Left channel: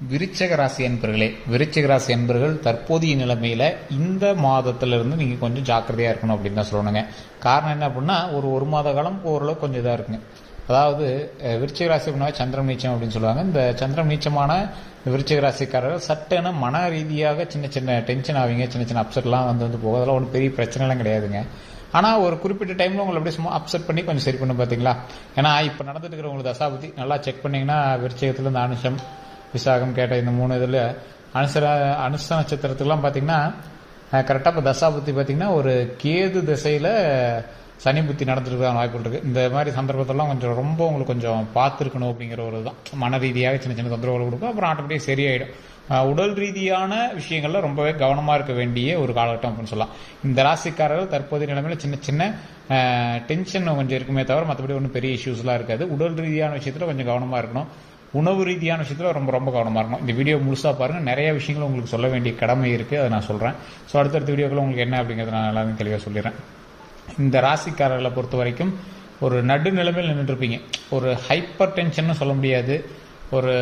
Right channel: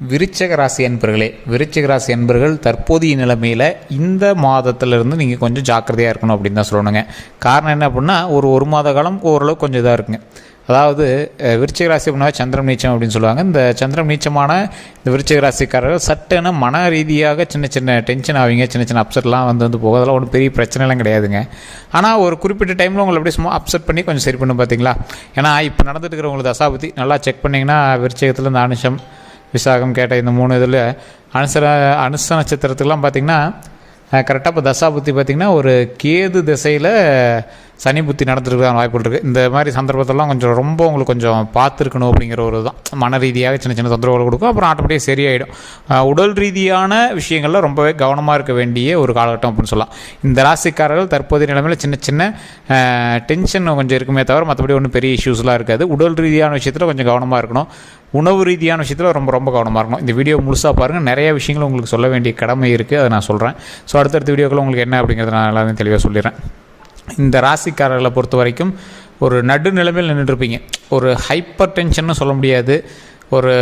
விருச்சிக ராசி அன்பர்கள் தற்போதைய நிலைமையில் இந்த மாதத்திலிருந்து நீங்கள் கொஞ்சம் ஜாக்கிரதையாக இருக்கணும் அப்படின்னு தான் சொல்லணுங்க. காரணம் என்ன அப்படின்னா ஒரு மாத காலம் ஓரளவு கொஞ்சம் இதாக இருக்குங்க. அதாவது விருச்சிக ராசி அப்படின்னா சந்திரன் நீச்சம் அப்படின்னு சொல்லுவாங்க. இந்த சந்திரன் நீச்சமான இந்த விருச்சிக ராசிக்காரர்கள் சட்டுன்னு மன ரீதியாக சின்ன சின்ன டென்ஷன் ஆவீங்க, சின்ன சின்ன அப்செட்லாம் வந்து போகும். அதெல்லாம் ஒன்றும் பெரிய பிரச்சனைலாம் கிடையாதுங்க. ஆனால் ஒரு குறிப்பிட்ட டைமில் உங்களை அப்படியே சும்மா அப்செட் பண்ணி கொஞ்சம் சரி பண்ணும் பார்த்தீங்களா. ஏன்னா இப்போ நடந்துட்டு இருக்கிற உங்களுக்கு தசாபுத்தி நல்லா செக் பண்ணிங்கன்னா விருச்சிகத்தில் இந்த அனுஷம் விசாகம் கேட்ட இந்த 3 இதில் அனுச நட்சத்திரத்துக்கெலாம் பார்த்திங்கன்னா கரெக்டாக இப்போ தசாபுத்தி பார்த்திங்கன்னா ஒரு கேது திசையில் சனி புத்தி நடந்துருக்கான வாய்ப்புகள் இருக்குது. இந்த மாதிரி சந்தர்ப்பத்தெல்லாம் கொஞ்சம் ரொம்ப உங்களுக்கு கொஞ்சம் பார்த்துருக்கணும் அப்படிங்கிற ஒரு தான் மன ரீதியாக சின்ன சின்ன தொந்தரவுகள் கொடுக்கும். அப்புறம் ஆட்டோமேட்டிக்காக சரியாயிடும். உடல் ரீதியான விஷயங்களில் ரொம்பவே கவனமாக இருக்க வேண்டிய ஒரு காலகட்டம் அப்படின்னு சொல்லலாம். இந்த ராசிக்காரர்கள் தற்போதைய நிலைமையில் சின்ன சின்ன டென்ஷன் கொஞ்சம் இருக்குமே தவிர மற்றபடி ஒன்றும் பெரிய இஷ்யூஸ்லாம் இருக்காது. உடல் ரீதியான விஷயத்தில் கொஞ்சம் கவனமாக இருக்கணும். உணவு ரீதியான விஷயத்தில் ரொம்ப ரொம்ப கவனமாக இருக்கணும். இந்த வீடியோ முழுசாக பாருங்கள். நிறைய விஷயங்கள் உங்களுக்கு சொல்ல வேண்டிய கடமை இருக்குது, அதை நான் சொல்கிறேன். ஸோ அடுத்தடுத்த வீடியோக்கள் உங்களுக்கு என்ன அப்படிங்கிறத நான் எல்லாமே தெளிவாக சொல்லிடுறேன். இந்த ராசிக்காரர்களை பொறுத்த வரைக்கும் ஒரு நடுநிலைமையில் நின்றுருப்பீங்க. ஒரு ஹைப்பர் டென்ஷன்னு சொல்ல முடியாது, ஒரு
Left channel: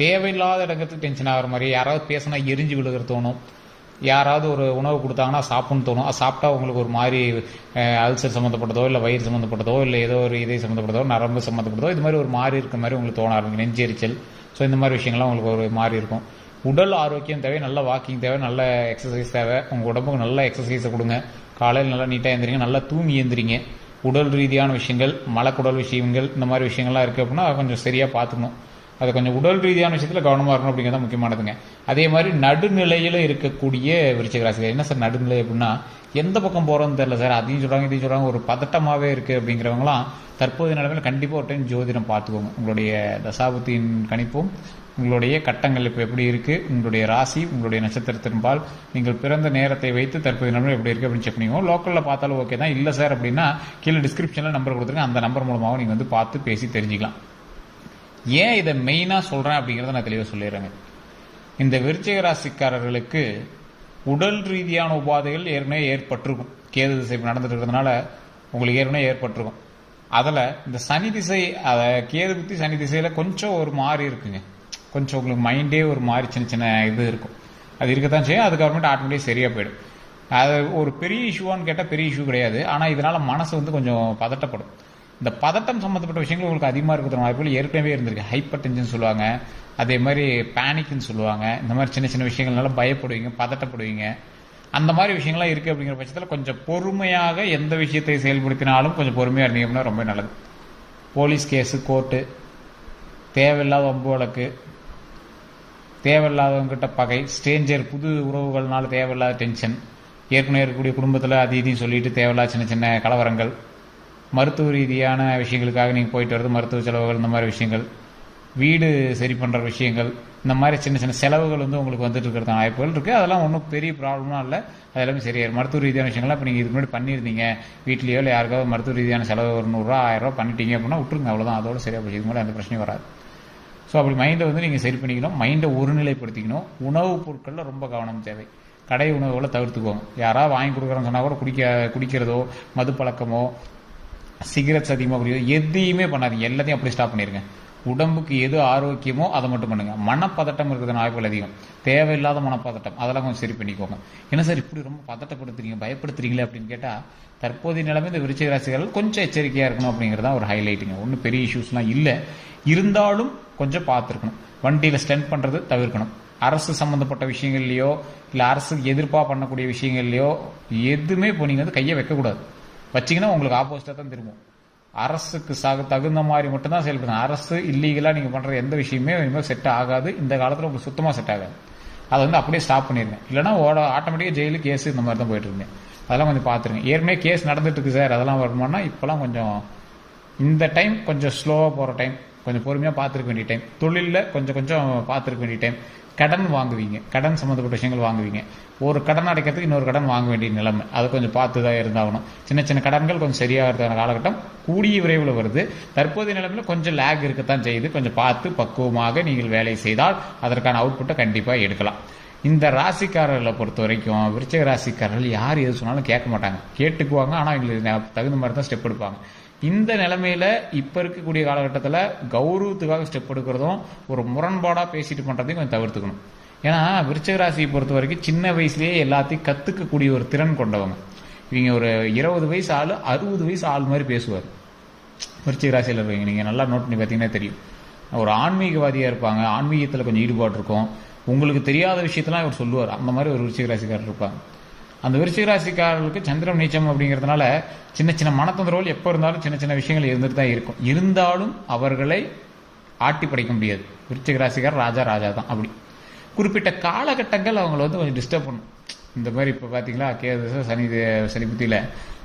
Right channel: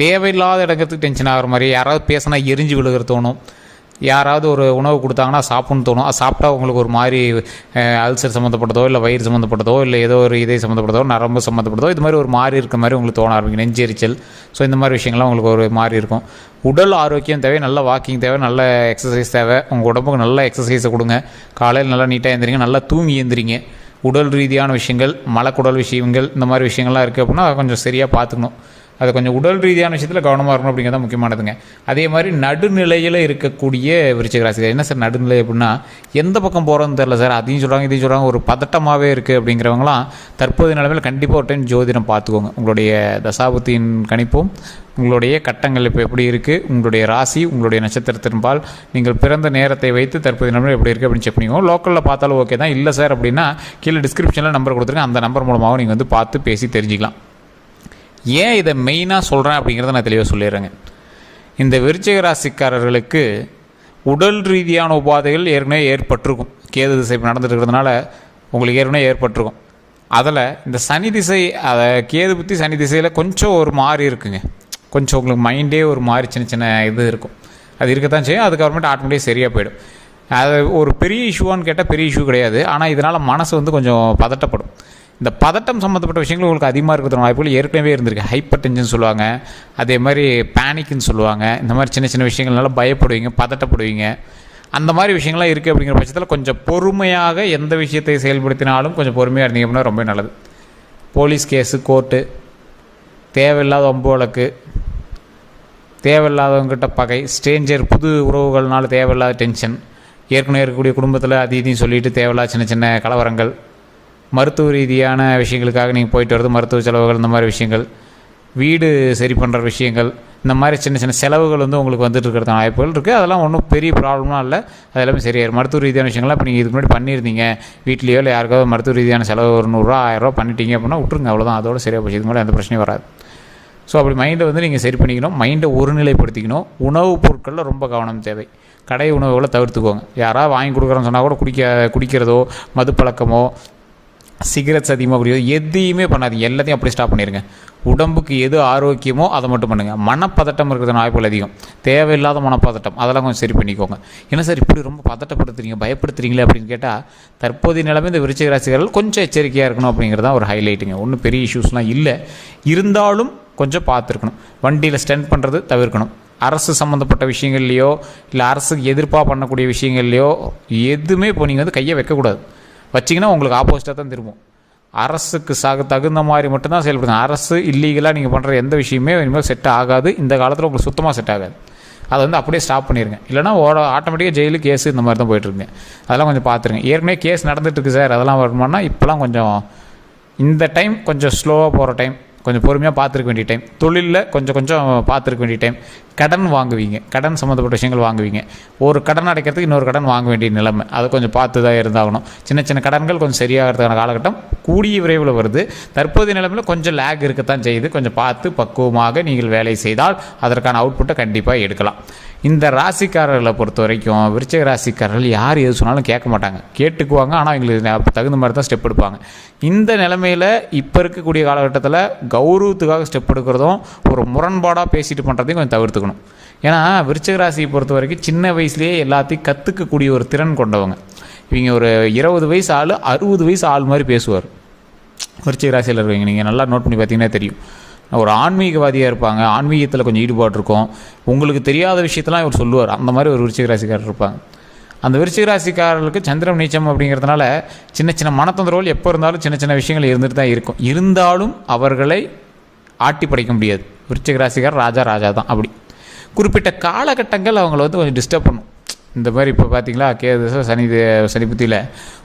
தேவையில்லாத இடத்துக்கு டென்ஷன் ஆகிற மாதிரி, யாராவது பேசினா எரிஞ்சு விழுகிற தோணும், யாராவது ஒரு உணவு கொடுத்தாங்கன்னா சாப்பிட்ணுன்னு தோணும். அது சாப்பிட்டா உங்களுக்கு ஒரு மாதிரி அல்சர் சம்மந்தப்பட்டதோ இல்லை வயிறு சம்மந்தப்பட்டதோ இல்லை ஏதோ ஒரு இதய சம்மந்தப்பட்டதோ நரம்பு சம்மந்தப்பட்டதோ இது மாதிரி ஒரு மாதிரி இருக்க மாதிரி உங்களுக்கு தோண ஆரம்பிக்கும், நெஞ்செரிச்சல். ஸோ இந்த மாதிரி விஷயங்கள்லாம் உங்களுக்கு ஒரு மாதிரி இருக்கும். உடல் ஆரோக்கியம் தேவை, நல்ல வாக்கிங் தேவை, நல்ல எக்ஸசைஸ் தேவை. உங்கள் உடம்புக்கு நல்ல எக்ஸசைஸை கொடுங்க. காலையில் நல்லா நீட்டாக எழுந்திரிங்க, நல்லா தூங்கி எழுந்திரிங்க. உடல் ரீதியான விஷயங்கள், மலக்குடல் விஷயங்கள், இந்த மாதிரி விஷயங்கள்லாம் இருக்குது அப்படின்னா அதை கொஞ்சம் சரியாக பார்த்துக்கணும். அது கொஞ்சம் உடல் ரீதியான விஷயத்தில் கவனமாக இருக்கணும் அப்படிங்கிறத முக்கியமானதுங்க. அதே மாதிரி நடுநிலையில் இருக்கக்கூடிய விருச்சிக ராசி. என்ன சார் நடுநிலை அப்படின்னா எந்த பக்கம் போகிறோன்னு தெரில சார், அதையும் சொல்கிறாங்க இதையும் சொல்கிறாங்க, ஒரு பதட்டமாகவே இருக்குது அப்படிங்கிறவங்களாம் தற்போதைய நிலைமையில் கண்டிப்பாக ஒரு டைம் ஜோதிடம் பார்த்துக்கோங்க. உங்களுடைய தசாபுத்தியின் கணிப்பும் உங்களுடைய கட்டங்கள் இப்போ எப்படி இருக்குது, உங்களுடைய ராசி, உங்களுடைய நட்சத்திரத்தின்பால் நீங்கள் பிறந்த நேரத்தை வைத்து தற்போதைய நிலைமையில் எப்படி இருக்குது அப்படின்னு செக் பண்ணிக்கோங்க. லோக்கலில் பார்த்தாலும் ஓகே தான். இல்லை சார் அப்படின்னா கீழே டிஸ்கிரிப்ஷனில் நம்பர் கொடுத்துருக்கேன், அந்த நம்பர் மூலமாக நீங்கள் வந்து பார்த்து பேசி தெரிஞ்சிக்கலாம். ஏன் இதை மெயினாக சொல்கிறேன் அப்படிங்கிறத நான் தெளிவாக சொல்லிடுறேங்க. இந்த விருச்சிக ராசிக்காரர்களுக்கு உடல் ரீதியான உபாதைகள் ஏற்கனவே ஏற்பட்டிருக்கும். கேது திசை நடந்துட்டு இருக்கிறதுனால உங்களுக்கு ஏற்கனவே ஏற்பட்டிருக்கும். அதில் இந்த சனி திசை, அதை கேது புத்தி சனி திசையில் கொஞ்சம் ஒரு மாறி இருக்குங்க. கொஞ்சம் உங்களுக்கு மைண்டே ஒரு மாதிரி சின்ன சின்ன இது இருக்கும். அது இருக்கத்தான் செய்யும். அதுக்கப்புறமேட்டு ஆட்டோமேட்டிக்காக சரியாக போயிடும். அது ஒரு பெரிய இஷ்யூவான்னு கேட்டால் பெரிய இஷ்யூ கிடையாது. ஆனால் இதனால் மனசு வந்து கொஞ்சம் பதட்டப்படும். இந்த பதட்டம் சம்மந்தப்பட்ட விஷயங்கள் உங்களுக்கு அதிகமாக இருக்கிற வாய்ப்புகள் ஏற்கனவே இருந்திருக்கு. ஹைப்பர் டென்ஷன் சொல்லுவாங்க, அதே மாதிரி பேனிக்னு சொல்லுவாங்க. இந்த மாதிரி சின்ன சின்ன விஷயங்கள்னால பயப்படுவீங்க, பதட்டப்படுவீங்க. அந்த மாதிரி விஷயங்கள்லாம் இருக்குது அப்படிங்கிற பட்சத்தில் கொஞ்சம் பொறுமையாக எந்த விஷயத்தை செயல்படுத்தினாலும் கொஞ்சம் பொறுமையாக இருந்தீங்க அப்படின்னா ரொம்ப நல்லது. போலீஸ் கேஸு, கோர்ட்டு, தேவையில்லாத வம்பு வழக்கு, தேவையில்லாதவங்கிட்ட பகை, ஸ்ட்ரேஞ்சர், புது உறவுகள்னால தேவையில்லாத டென்ஷன், ஏற்கனவே இருக்கக்கூடிய குடும்பத்தில் அது இதையும் சொல்லிவிட்டு தேவையில்லாத சின்ன சின்ன கலவரங்கள், மருத்துவ ரீதியான விஷயங்களுக்காக நீங்கள் போயிட்டு வரது, மருத்துவ செலவுகள், இந்த மாதிரி விஷயங்கள், வீடு சரி பண்ணுற விஷயங்கள், இந்த மாதிரி சின்ன சின்ன செலவுகள் வந்து உங்களுக்கு வந்துட்டு இருக்கிறதான வாய்ப்புகள் இருக்குது. அதெல்லாம் ஒன்றும் பெரிய ப்ராப்ளம்லாம் இல்லை, அது எல்லாமே சரியாயிடும். மருத்துவ ரீதியான விஷயங்கள்லாம் இப்போ நீங்கள் இதுக்கு முன்னாடி பண்ணியிருந்தீங்க, வீட்லேயோ இல்லை யாருக்காவது மருத்துவ ரீதியான செலவு ஒரு 100 1000 பண்ணிட்டீங்க அப்படின்னா விட்டுருங்க, அவ்வளோதான், அதோட சரியாக போச்சு. இதுக்கு மேலே எந்த பிரச்சனையும் வராது. ஸோ அப்படி மைண்டை வந்து நீங்கள் சரி பண்ணிக்கணும், மைண்டை ஒருநிலைப்படுத்திக்கணும். உணவுப் பொருட்களில் ரொம்ப கவனம் தேவை. கடை உணவுகளை தவிர்த்துக்கோங்க. யாராவது வாங்கி கொடுக்குறோன்னு சொன்னால் கூட குடிக்கிறதோ, மது பழக்கமோ, சிகரெட்ஸ் அதிகமாக குடிக்கிறதோ எதையுமே பண்ணாதீங்க. எல்லாத்தையும் அப்படி ஸ்டாப் பண்ணிடுங்க. உடம்புக்கு எது ஆரோக்கியமோ அதை மட்டும் பண்ணுங்கள். மனப்பதட்டம் இருக்கிறது வாய்ப்புகள் அதிகம். தேவையில்லாத மனப்பதட்டம் அதெல்லாம் கொஞ்சம் சரி பண்ணிக்கோங்க. என்ன சார் இப்படி ரொம்ப பதட்டப்படுத்துறீங்க, பயப்படுத்துறீங்களே அப்படின்னு கேட்டால் தற்போதைய நிலைமை இந்த விருச்சிக ராசிக்காரர்கள் கொஞ்சம் எச்சரிக்கையாக இருக்கணும் அப்படிங்கிறது தான் ஒரு ஹைலைட்டுங்க. ஒன்றும் பெரிய இஷ்யூஸ்லாம் இல்லை, இருந்தாலும் கொஞ்சம் பார்த்துருக்கணும். வண்டியில் ஸ்டெண்ட் பண்ணுறது தவிர்க்கணும். அரசு சம்மந்தப்பட்ட விஷயங்கள்லையோ இல்லை அரசுக்கு எதிர்ப்பாக பண்ணக்கூடிய விஷயங்கள்லையோ எதுவுமே இப்போ நீங்கள் வந்து கையை வைக்கக்கூடாது. வச்சிங்கன்னா உங்களுக்கு ஆப்போசிட்டாக தான் திரும்பும். அரசுக்கு தகுந்த மாதிரி மட்டும்தான் செயல்படுங்க. அரசு இல்லீகலாக நீங்கள் பண்ணுற எந்த விஷயமே இனிமேல் செட் ஆகாது. இந்த காலத்தில் உங்களுக்கு சுத்தமாக செட் ஆகாது. அதை வந்து அப்படியே ஸ்டாப் பண்ணிடுங்க. இல்லைனா ஆட்டோமேட்டிக்காக ஜெயிலு, கேஸு இந்த மாதிரி தான் போய்ட்டுருங்க. அதெல்லாம் கொஞ்சம் பார்த்துருங்க. ஏற்கனவே கேஸ் நடந்துகிட்ருக்கு சார், அதெல்லாம் வருமானா இப்போலாம் கொஞ்சம் இந்த டைம் கொஞ்சம் ஸ்லோவாக போகிற டைம், கொஞ்சம் பொறுமையாக பார்த்துருக்க வேண்டிய டைம். தொழிலில் கொஞ்சம் கொஞ்சம் பார்த்துருக்க வேண்டிய டைம். கடன் வாங்குவீங்க, கடன் சம்மந்தப்பட்ட விஷயங்கள் வாங்குவீங்க. ஒரு கடன் அடைக்கிறதுக்கு இன்னொரு கடன் வாங்க வேண்டிய நிலைமை, அதை கொஞ்சம் பார்த்து தான் இருந்தாகணும். சின்ன சின்ன கடன்கள் கொஞ்சம் சரியாகிறதுக்கான காலகட்டம் கூடிய விரைவில் வருது. தற்போதைய நிலைமையில் கொஞ்சம் லேக் இருக்கத்தான் செய்யுது. கொஞ்சம் பார்த்து பக்குவமாக நீங்கள் வேலை செய்தால் அதற்கான அவுட்புட்டை கண்டிப்பாக எடுக்கலாம். இந்த ராசிக்காரர்களை பொறுத்த வரைக்கும் விருச்சிக ராசிக்காரர்கள் யார் எது சொன்னாலும் கேட்க மாட்டாங்க, கேட்டுக்குவாங்க. ஆனால் எங்களுக்கு தகுந்த மாதிரி தான் ஸ்டெப் எடுப்பாங்க. இந்த நிலைமையில் இப்போ இருக்கக்கூடிய காலகட்டத்தில் கௌரவத்துக்காக ஸ்டெப் எடுக்கிறதும் ஒரு முரண்பாடாக பேசிட்டு பண்ணுறதையும் கொஞ்சம் தவிர்த்துக்கணும். ஏன்னா விருச்சிக ராசியை பொறுத்த வரைக்கும் சின்ன வயசுலேயே எல்லாத்தையும் கற்றுக்கக்கூடிய ஒரு திறன் கொண்டவங்க. இவங்க ஒரு 20 வயசு ஆள் 60 வயசு ஆள் மாதிரி பேசுவார். விருச்சிக ராசியில் இருக்கவங்க நீங்கள் நல்லா நோட் பண்ணி பார்த்தீங்கன்னா தெரியும். ஒரு ஆன்மீகவாதியாக இருப்பாங்க, ஆன்மீகத்தில் கொஞ்சம் ஈடுபாடு இருக்கும். உங்களுக்கு தெரியாத விஷயத்தெல்லாம் இவர் சொல்லுவார். அந்த மாதிரி ஒரு விருச்சிக ராசிக்காரர் இருப்பாங்க. அந்த விருச்சிக ராசிக்காரர்களுக்கு சந்திரன் நீச்சம் அப்படிங்கிறதுனால சின்ன சின்ன மனத்தொந்தரவுகள் எப்போ இருந்தாலும் சின்ன சின்ன விஷயங்கள் இருந்துட்டு தான் இருக்கும். இருந்தாலும் அவர்களை ஆட்டி படைக்க முடியாது. விருச்சிக ராசிக்காரர் ராஜா தான். அப்படி குறிப்பிட்ட காலகட்டங்கள் அவங்கள வந்து கொஞ்சம் டிஸ்டர்ப் பண்ணும். இந்த மாதிரி இப்போ பார்த்தீங்களா கேது சனி புத்தியில்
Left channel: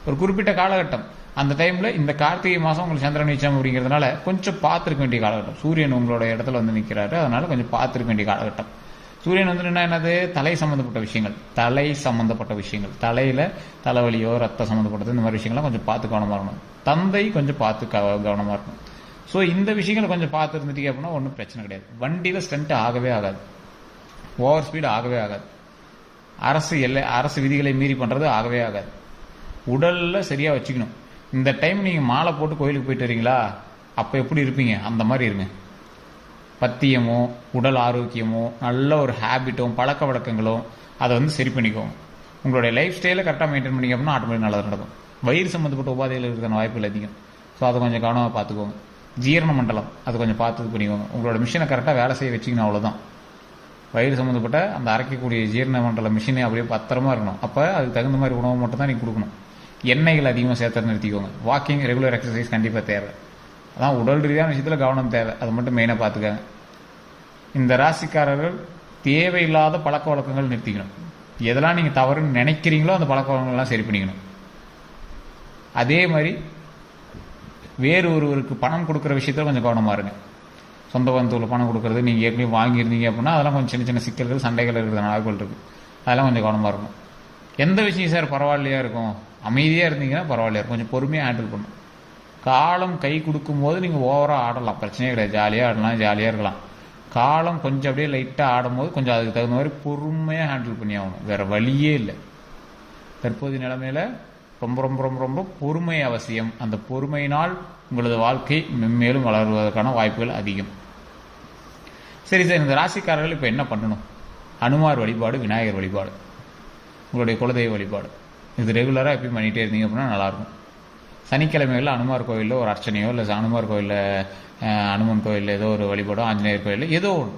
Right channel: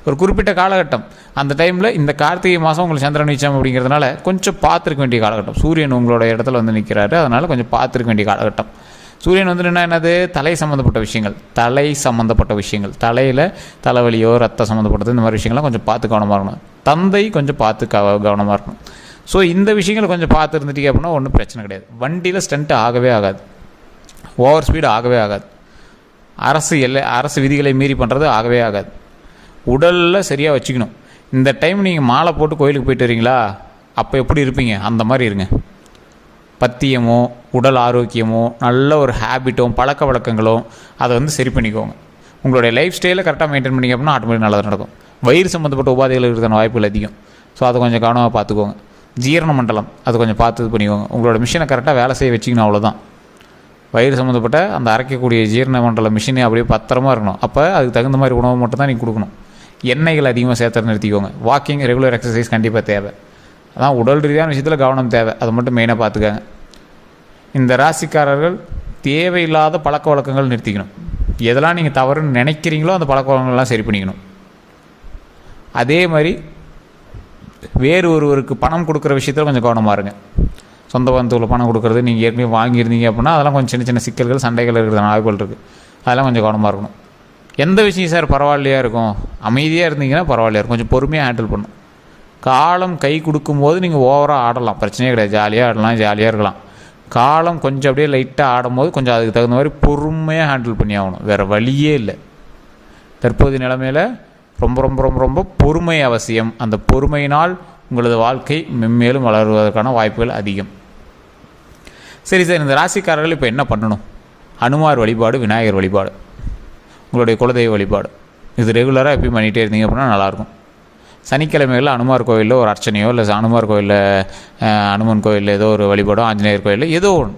ஒரு குறிப்பிட்ட காலகட்டம், அந்த டைமில் இந்த கார்த்திகை மாதம் உங்களுக்கு சந்திரன் நீச்சம் அப்படிங்கிறதுனால கொஞ்சம் பார்த்துருக்க வேண்டிய காலகட்டம். சூரியன் உங்களோட இடத்துல வந்து நிற்கிறாரு, அதனால் கொஞ்சம் பார்த்துருக்க வேண்டிய காலகட்டம். சூரியன் வந்து என்னது தலை சம்மந்தப்பட்ட விஷயங்கள், தலையில் தலைவலியோ ரத்த சம்மந்தப்பட்டது இந்த மாதிரி விஷயங்கள்லாம் கொஞ்சம் பார்த்து கவனமாக இருக்கணும். தந்தை கொஞ்சம் பார்த்து கவனமாக இருக்கணும். ஸோ இந்த விஷயங்களை கொஞ்சம் பார்த்து இருந்துட்டீங்க அப்படின்னா ஒன்றும் பிரச்சனை கிடையாது. வண்டியில் ஸ்டண்ட் ஆகவே ஆகாது, ஓவர் ஸ்பீடு ஆகவே ஆகாது, அரசு விதிகளை மீறி பண்ணுறது ஆகவே ஆகாது. உடலில் சரியாக வச்சுக்கணும். இந்த டைம் நீங்கள் மாலை போட்டு கோயிலுக்கு போயிட்டு வரீங்களா, அப்போ எப்படி இருப்பீங்க அந்த மாதிரி இருங்க. பத்தியமோ உடல் ஆரோக்கியமோ நல்ல ஒரு ஹேபிட்டும் பழக்க வழக்கங்களும் அதை வந்து சரி பண்ணிக்கோங்க. உங்களுடைய லைஃப் ஸ்டைலை கரெக்டாக மெயின்டைன் பண்ணிங்க அப்படின்னா ஆட்டோமேட்டிக் நல்லது நடக்கும். வயிறு சம்மந்தப்பட்ட உபாதைகள் இருக்கிற வாய்ப்புகள் அதிகம். ஸோ அதை கொஞ்சம் கவனமாக பார்த்துக்கோங்க. ஜீரண மண்டலம் அது கொஞ்சம் பார்த்து இது பண்ணிக்கோங்க. உங்களோட மிஷினை கரெக்டாக வேலை செய்ய வச்சிக்கணும், அவ்வளோதான். வயிறு சம்மந்தப்பட்ட அந்த அரைக்கக்கூடிய ஜீரண மண்டல மிஷினே அப்படியே பத்திரமா இருக்கணும். அப்போ அதுக்கு தகுந்த மாதிரி உணவு மட்டும் தான் நீங்கள் கொடுக்கணும். எண்ணெய்கள் அதிகமாக சேர்த்து நிறுத்திக்கோங்க. வாக்கிங், ரெகுலர் எக்ஸசைஸ் கண்டிப்பாக தேவை. அதான் உடல் ரீதியான விஷயத்தில் கவனம் தேவை. அதை மட்டும் மெயினாக பார்த்துக்கோங்க. இந்த ராசிக்காரர்கள் தேவையில்லாத பழக்க வழக்கங்கள் நிறுத்திக்கணும். எதெல்லாம் நீங்கள் தவறுன்னு நினைக்கிறீங்களோ அந்த பழக்க வழக்கங்கள்லாம் சரி பண்ணிக்கணும். அதே மாதிரி வேறு ஒருவருக்கு பணம் கொடுக்குற விஷயத்தில் கொஞ்சம் கவனமாக இருங்க. சொந்த பந்தத்தில் பணம் கொடுக்குறது நீங்கள் ஏற்கனவே வாங்கியிருந்தீங்க அப்படின்னா அதெல்லாம் கொஞ்சம் சின்ன சின்ன சிக்கல்கள் சண்டைகள் இருக்கிற வாய்ப்புகள் இருக்குது. அதெல்லாம் கொஞ்சம் கவனமாக இருக்கணும். எந்த விஷயம் சார் பரவாயில்லையா இருக்கும், அமைதியாக இருந்தீங்கன்னா பரவாயில்லையா இருக்கும், கொஞ்சம் பொறுமையாக ஹேண்டில் பண்ணணும். காலம் கை கொடுக்கும்போது நீங்கள் ஓவராக ஆடலாம், பிரச்சனையே கிடையாது. ஜாலியாக ஆடலாம், ஜாலியாக இருக்கலாம். காலம் கொஞ்சம் அப்படியே லைட்டாக ஆடும்போது கொஞ்சம் அதுக்கு தகுந்த மாதிரி பொறுமையாக ஹேண்டில் பண்ணி ஆகணும். வேறு வழியே இல்லை. தற்போதைய நிலைமையில் ரொம்ப ரொம்ப ரொம்ப ரொம்ப பொறுமை அவசியம். அந்த பொறுமையினால் உங்களது வாழ்க்கை மென்மேலும் வளருவதற்கான வாய்ப்புகள் அதிகம். சரி சார், இந்த ராசிக்காரர்கள் இப்போ என்ன பண்ணணும்? அனுமார் வழிபாடு, விநாயகர் வழிபாடு, உங்களுடைய குலதெய்வ வழிபாடு, இது ரெகுலராக எப்பயும் பண்ணிகிட்டே இருந்தீங்க அப்படின்னா நல்லாயிருக்கும். சனிக்கிழமைகளில் அனுமார் கோயிலில் ஒரு அர்ச்சனையோ இல்லை அனுமார் கோயிலில் அனுமன் கோயிலில் ஏதோ ஒரு வழிபாடோ ஆஞ்சநேயர் கோயிலில் ஏதோ ஒன்று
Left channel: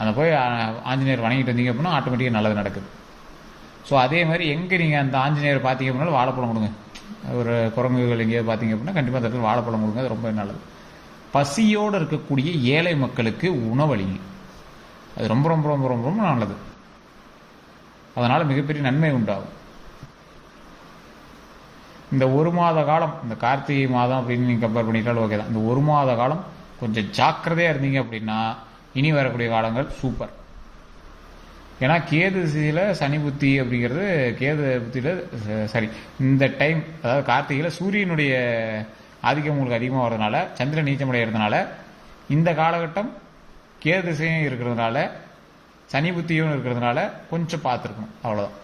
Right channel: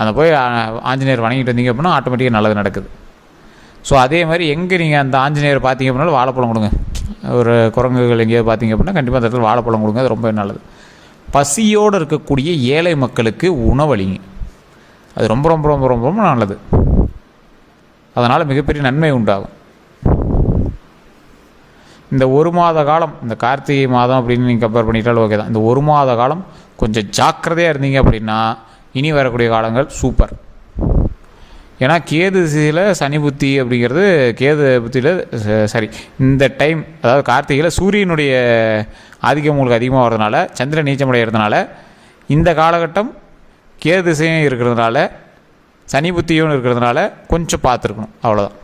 அந்த போய் ஆஞ்சநேயர் வணங்கிட்டு வந்தீங்க அப்படின்னா ஆட்டோமேட்டிக்காக நல்லது நடக்குது. ஸோ அதே மாதிரி எங்கே நீங்கள் அந்த ஆஞ்சநேயர் பார்த்தீங்க அப்படின்னாலும் வாழைப்பழம் கொடுங்க. ஒரு குரங்குகள் எங்கேயாவது பார்த்தீங்க அப்படின்னா கண்டிப்பாக அந்த இடத்துல வாழைப்பழம் கொடுங்க, அது ரொம்ப நல்லது. பசியோடு இருக்கக்கூடிய ஏழை மக்களுக்கு உணவளிங்க, அது ரொம்ப ரொம்ப ரொம்ப ரொம்ப ரொம்ப நல்லது. அதனால் மிகப்பெரிய நன்மை உண்டாகும். இந்த ஒரு மாத காலம், இந்த கார்த்திகை மாதம் அப்படின்னு நீங்கள் கம்பேர் பண்ணிட்டாலும் ஓகே தான். இந்த ஒரு மாத காலம் கொஞ்சம் ஜாக்கிரதையாக இருந்தீங்க அப்படின்னா இனி வரக்கூடிய காலங்கள் சூப்பர். ஏன்னா கேது திசையில் சனி புத்தி அப்படிங்கிறது, கேது புத்தியில் சரி இந்த டைம் அதாவது கார்த்திகையில் சூரியனுடைய ஆதிக்கம் உங்களுக்கு அதிகமாக வர்றதுனால, சந்திரன் நீச்சமடைகிறதுனால, இந்த காலகட்டம் கேது திசையும் இருக்கிறதுனால, சனி புத்தியும் இருக்கிறதுனால கொஞ்சம் பார்த்துருக்கணும், அவ்வளோதான்.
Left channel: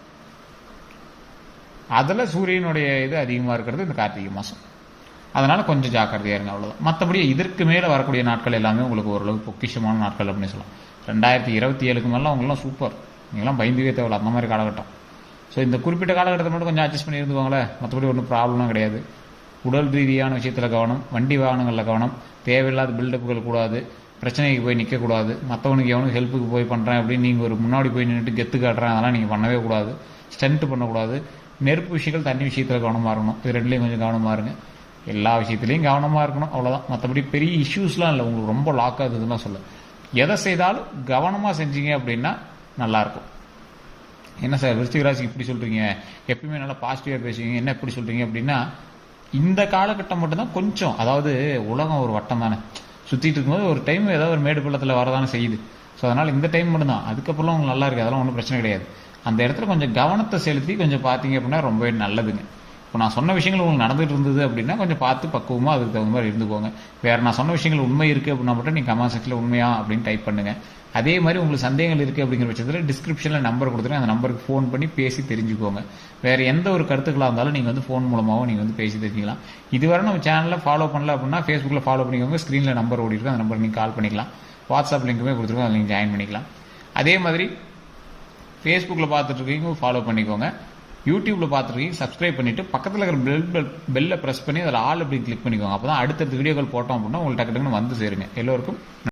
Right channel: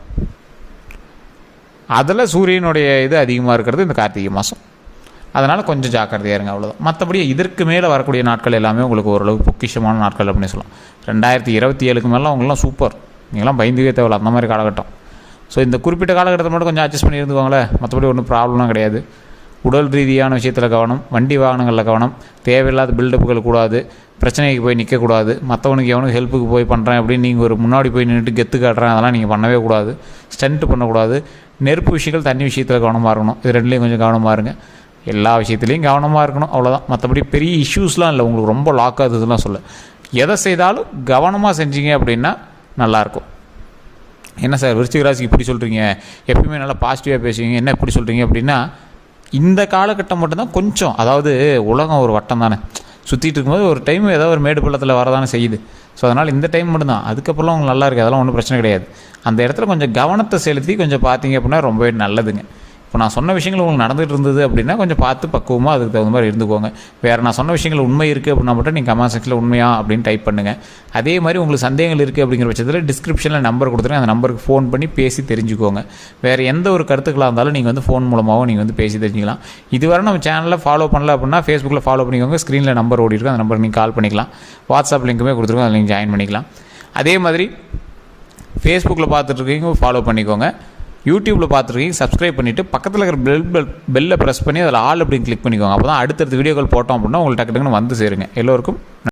அதில் சூரியனுடைய இது அதிகமாக இருக்கிறது இந்த கார்த்திகை மாதம். அதனால் கொஞ்சம் ஜாக்கிரதையாக இருங்க, அவ்வளோதான். மற்றபடி இதற்கு மேலே வரக்கூடிய நாட்கள் எல்லாமே உங்களுக்கு ஓரளவு பொக்கிஷமான நாட்கள் அப்படின்னு சொல்லலாம். 2027 மேலாம் அவங்களாம் சூப்பர், நீங்களாம் பயந்துக்கே தேவையில்ல, அந்த மாதிரி காலகட்டம். ஸோ இந்த குறிப்பிட்ட காலகட்டத்தை மட்டும் கொஞ்சம் அட்ஜஸ்ட் பண்ணி இருந்துக்கோங்களேன். மற்றபடி ஒன்றும் ப்ராப்ளம்லாம் கிடையாது. உடல் ரீதியான விஷயத்தில் கவனம், வண்டி வாகனங்களில் கவனம், தேவையில்லாத பில்டப்புகள் கூடாது, பிரச்சனைக்கு போய் நிற்கக்கூடாது, மற்றவனுக்கு எவனுக்கு ஹெல்ப்புக்கு போய் பண்ணுறேன் அப்படின்னு நீங்கள் ஒரு முன்னாடி போய் நின்றுட்டு கெத்து காட்டுறேன், அதெல்லாம் நீங்கள் பண்ணவே கூடாது. ஸ்டண்ட் பண்ணக்கூடாது. நெருப்பு விஷயங்கள், தண்ணி விஷயத்தில் கவனமாக இருக்கணும். இது ரெண்டுலேயும் கொஞ்சம் கவனமாக இருங்க. எல்லா விஷயத்துலேயும் கவனமாக இருக்கணும், அவ்வளோதான். மற்றபடி பெரிய இஷ்யூஸ்லாம் இல்லை, உங்களுக்கு ரொம்ப லாக் ஆகுதுலாம் சொல்ல. எதை செய்தாலும் கவனமாக செஞ்சீங்க அப்படின்னா நல்லாயிருக்கும். என்ன சார் விருச்சிக ராசிக்கு இப்படி சொல்கிறீங்க, எப்பயுமே நல்லா பாசிட்டிவாக பேசுவீங்க, என்ன இப்படி சொல்கிறீங்க அப்படின்னா, இந்த காலகட்டம் மட்டும்தான் கொஞ்சம், அதாவது உலகம் ஒரு வட்டம் தானே, சுற்றிட்டு இருக்கும்போது ஒரு டைம் ஏதோ ஒரு மேடு பள்ளத்தில் வரதானே செய்யுது. ஸோ அதனால் இந்த டைம் மட்டும்தான், அதுக்கப்புறம் உங்களுக்கு நல்லா இருக்குது, அதெல்லாம் ஒன்றும் பிரச்சனை கிடையாது. அந்த இடத்துல கொஞ்சம் கவனத்தை செலுத்தி கொஞ்சம் பார்த்தீங்க அப்படின்னா ரொம்பவே நல்லதுங்க. இப்போ நான் சொன்ன விஷயங்கள் உங்களுக்கு நடந்துகிட்டு இருந்தது அப்படின்னா கொஞ்சம் பார்த்து பக்குவமாக அதுக்கு தகுந்த மாதிரி இருந்துக்கோங்க. வேறு நான் சொன்ன விஷயங்கள் உண்மை இருக்குது அப்படின்னா மட்டும் நீங்கள் கமெண்ட் செக்ஷனில் உண்மையா அப்படின்னு டைப் பண்ணுங்கள். அதே மாதிரி உங்களுக்கு சந்தேகங்கள் இருக்குது அப்படிங்கிற பட்சத்தில் டிஸ்கிரிப்ஷனில் நம்பர் கொடுத்துருங்க, அந்த நம்பருக்கு ஃபோன் பண்ணி பேசி தெரிஞ்சுக்கோங்க. வேறு எந்த ஒரு கருத்துக்களாக இருந்தாலும் நீங்கள் வந்து ஃபோன் மூலமாகவும் நீங்கள் வந்து பேசி தெரிஞ்சிக்கலாம். இதுவரை நம்ம சேனலில் ஃபாலோ பண்ணல அப்படின்னா ஃபேஸ்புக்கில் ஃபாலோ பண்ணிக்கோங்க. ஸ்க்ரீனில் நம்பர் ஓடி இருக்கும், அந்த நம்பருக்கு நீங்கள் கால் பண்ணிக்கலாம். வாட்ஸ்அப் லிங்க்குமே கொடுத்துருக்கோம், அதில் நீங்கள் ஜாயின் பண்ணிக்கலாம். அதே மாதிரி ஃபேஸ்புக்கில் பார்த்துட்ருக்கீங்க ஃபாலோ பண்ணிக்கோங்க. யூடியூப்பில் பார்த்துருக்கீங்க சப்ஸ்கிரைப் பண்ணிவிட்டு பக்கத்தில் இருக்கிற பெல்லை ப்ரெஸ் பண்ணி அதில் ஆல் அப்படின்னு கிளிக் பண்ணிக்கோங்க. அப்போ தான் அடுத்தடுத்த வீடியோக்கள் போட்டோம் அப்படின்னா உங்களுக்கு டக்கு டக்குன்னு வந்து சேருங்க. எல்லோருக்கும்